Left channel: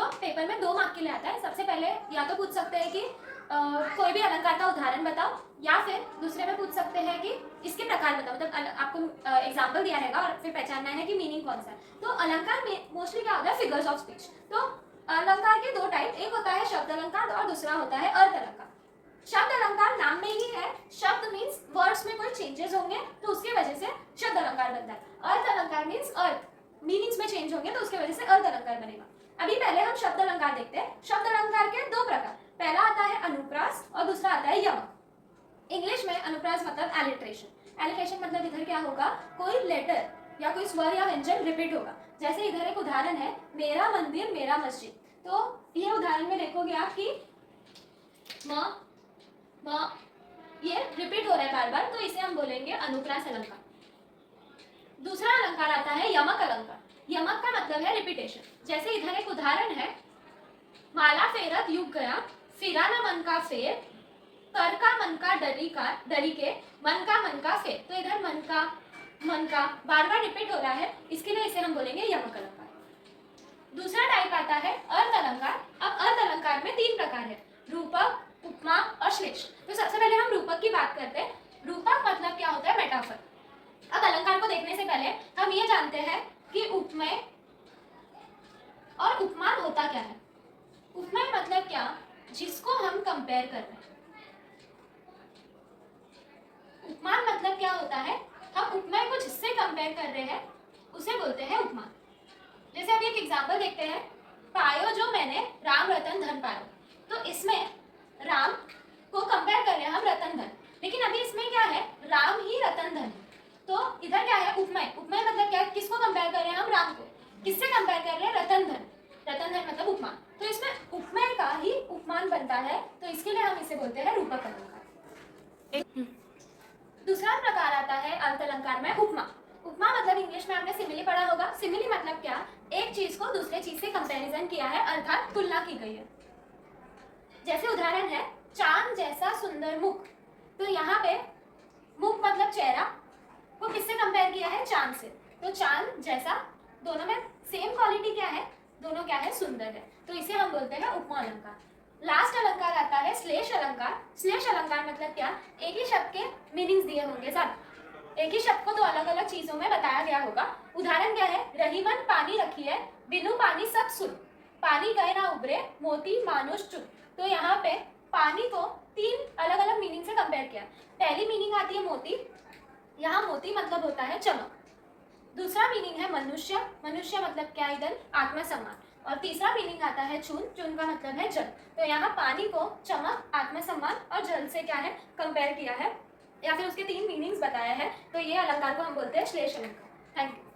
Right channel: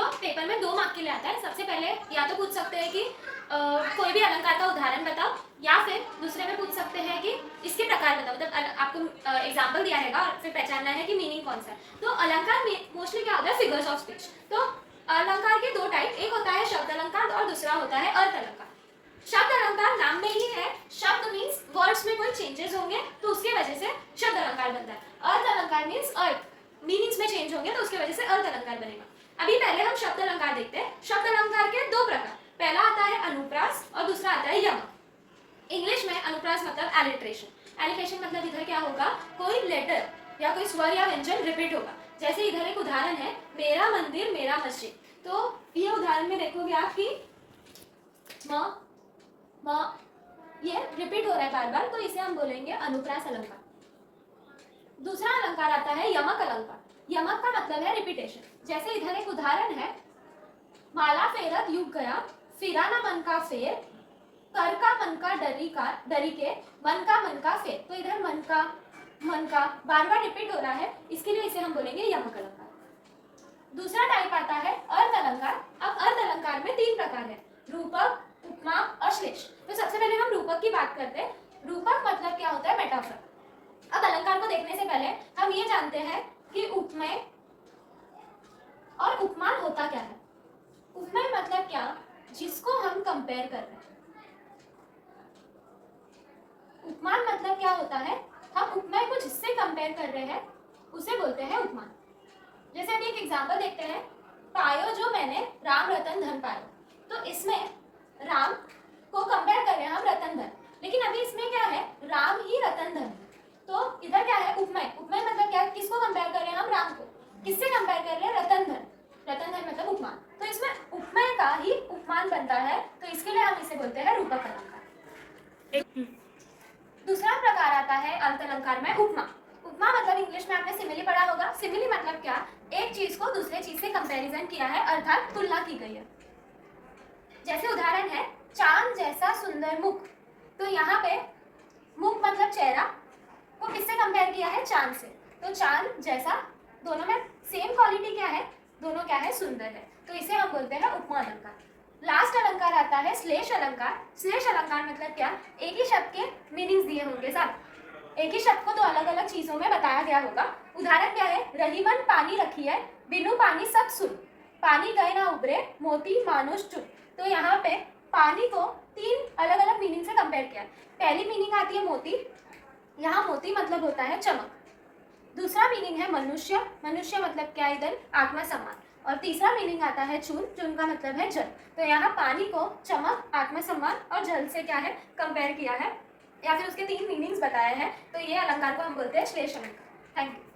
जो पेपर में 2 मार्क के लिए आता है। सबसे पहले या तो पूछ सकते हैं कि कोई भी अलंकार का उदाहरण बताओ, या फिर दूसरे में पूछ सकते हैं कि इसके प्रकार बताओ। मतलब आपको एग्जाम्पल दिया रहेगा और फिर पहचानना है कि मीनिंग कौन सा है। तो अलंकार में मोस्टली क्या होता है, फिगर्स ऑफ स्पीच। तो अलंकार के 2 टाइप, एक होता है शब्द अलंकार और दूसरा होता है अर्थ अलंकार। शब्द अलंकार नाम में ही है, शब्द मीन्स वर्ड्स में कोई चेंजेस होंगे तो उसकी वजह से शब्द अलंकार बनता है। अर्थ अलंकार मीन्स अर्थ मीनिंग्स में चेंज होंगे तो उसकी वजह से अर्थ अलंकार बनेगा। अभी पहले हम शब्द अलंकार देखते हैं। शब्द अलंकार के 2 प्रकार, पहला आता है अनुप्रास और दूसरा आता है यमक। इंग्लिश में अनुप्रास मतलब एलिट्रेशन। एलिट्रेशन मतलब इधर क्या होगा, कोई लेटर या कोई स्वर या व्यंजन रिपीट होगा। जैसे इधर एक उदाहरण है, मेरा मंदिर मेरा मस्जिद। तो ये उदाहरण में देखोगे आप कि म ये रिपीट हो रहा है बार बार, तो इसे हम बोलेंगे अनुप्रास अलंकार। दूसरा अलंकार आता है यमक अलंकार। यमक का मतलब है रिपीटेशन। जैसे इधर एक उदाहरण है, माला फेरत युग गया, फिरा ना मन का फेर, कर का मन का डरी के, मन का फेर। तो इधर मन का बार बार रिपीट हो रहा है, इसके लिए इसे हम बोलेंगे यमक अलंकार। दूसरा टाइप आता है अर्थ अलंकार। अब अर्थ अलंकार में 3 प्रकार है, रूपक, उपमा और श्लेष। तो सबसे पहले हम रूपक की बात करते हैं। रूपक मतलब क्या होता है, मेटाफर। अब अलंकार को देखने से पहले हम ये जानते हैं कि उपमेय और उपमान होता क्या है। उपमेय मतलब क्या, जिसको हम कंपेयर कर रहे हैं। उपमान मतलब क्या होता है, हम उपमेय को जिससे कंपेयर कर रहे हैं उसे बोलते हैं उपमान। जैसे अभी एक एग्जांपल देखते हैं, पायो जो मैंने राम रतन धन पायो। तो इसमें राम को कंपेयर कर रहे हैं हम रतन धन, लेकिन अभी इसमें क्या है, राम ही रतन धन। तो इधर क्या है, उपमेय। उपमेय मतलब क्या, किसको कंपेयर कर रहे हैं हम, राम को। किससे कंपेयर कर रहे हैं, रतन धन। रतन धन मतलब उपमान। तो इसमें उपमेय का ही उपमान बनता है, तो इसके लिए हम इसे बोलते हैं रूपक अलंकार। दूसरा प्रकार आता है अर्थ अलंकार में उपमा। उपमा मतलब इंग्लिश में आपने सिमिली पढ़ा होगा। सिमिली मतलब क्या, एक चीज को दूसरे चीज से कंपैरिजन किया है, अर्थात तुलना की गई है। जैसे उदाहरण है, चांद जैसा सुंदर मुख। तो यहाँ पे मुख मतलब चेहरा को किससे कंपेयर किया है, चांद से। तो चांद जैसा, दोनों में सेम क्वालिटी क्या है, दोनों क्या है, सुंदर है। तो इसे हम बोलते हैं उपमा अलंकार। लास्ट अलंकार आता है श्लेष अलंकार। श्लेष अलंकार मतलब क्या, एक ही शब्द के मीनिंग्स दिए होंगे साथ। एक ही शब्द को 2 अलग अलग चीजों में बताया गया होगा। उदाहरण क्या है, रहीमन पानी रखी है, बिनु पानी सब सुन, पानी गए ना उबरे, मोती मानुष चुप। तो यहाँ पे पानी को 3 अलग अलग मीनिंग से कंपेयर किया। पहली मीनिंग आती है मोती, यहाँ मोती मतलब होता है चमक। दूसरा मीनिंग है मनुष्य, मनुष्य मतलब क्या, इधर आत्मसम्मान। और तीसरा मीनिंग आता है चून, चून का मतलब है जल। तो यहाँ पानी को चमक, आत्मसम्मान और जल से क्या है, कंपेयर किया है, या फिर उसके 3 मीनिंग्स बताया है। तो ये अलंकार को हम बोलते हैं श्लेष अलंकार। Thank you.